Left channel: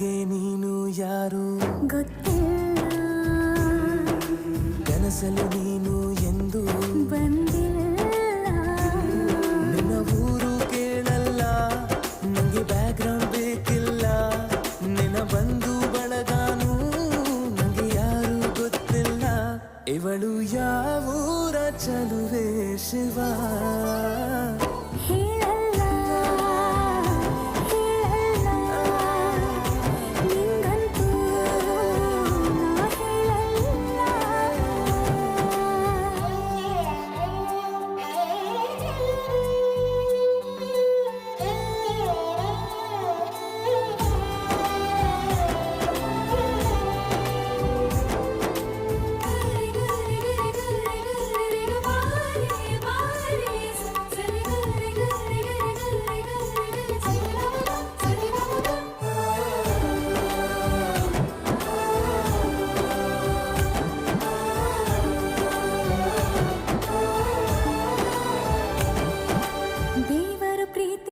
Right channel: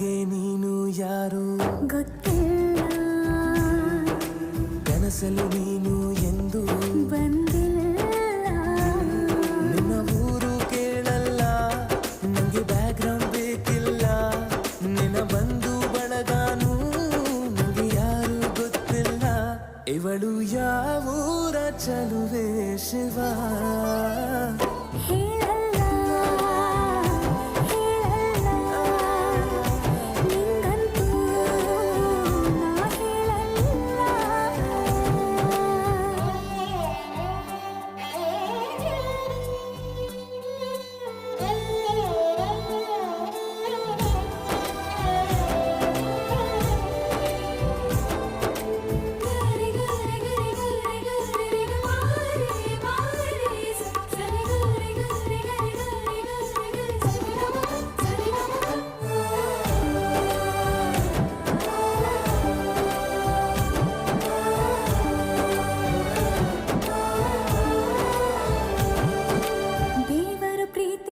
ನನಗೆ ನೀನು ಯಾರು ಗೊತ್ತಿಲ್ಲ, ಕನಸಲು ನೀನು ಎಂದು ಬಂದಿಲ್ಲ. ನಿನ್ನ ಊರು ಕೇಳಲ್ಲ, ನಂಗೆ ಬ್ಯಾಕ್ಗ್ರೌಂಡ್ ಬೇಕಿಲ್ಲ. ನಿನ್ನ ಬಂಧು ಬಳಗಾನು ನಂಗೆ ಯಾರು ಗೊತ್ತಿಲ್ಲ. ಇವಳು ಯಾವೂರ ಚಲುವೆ ಶಿವ.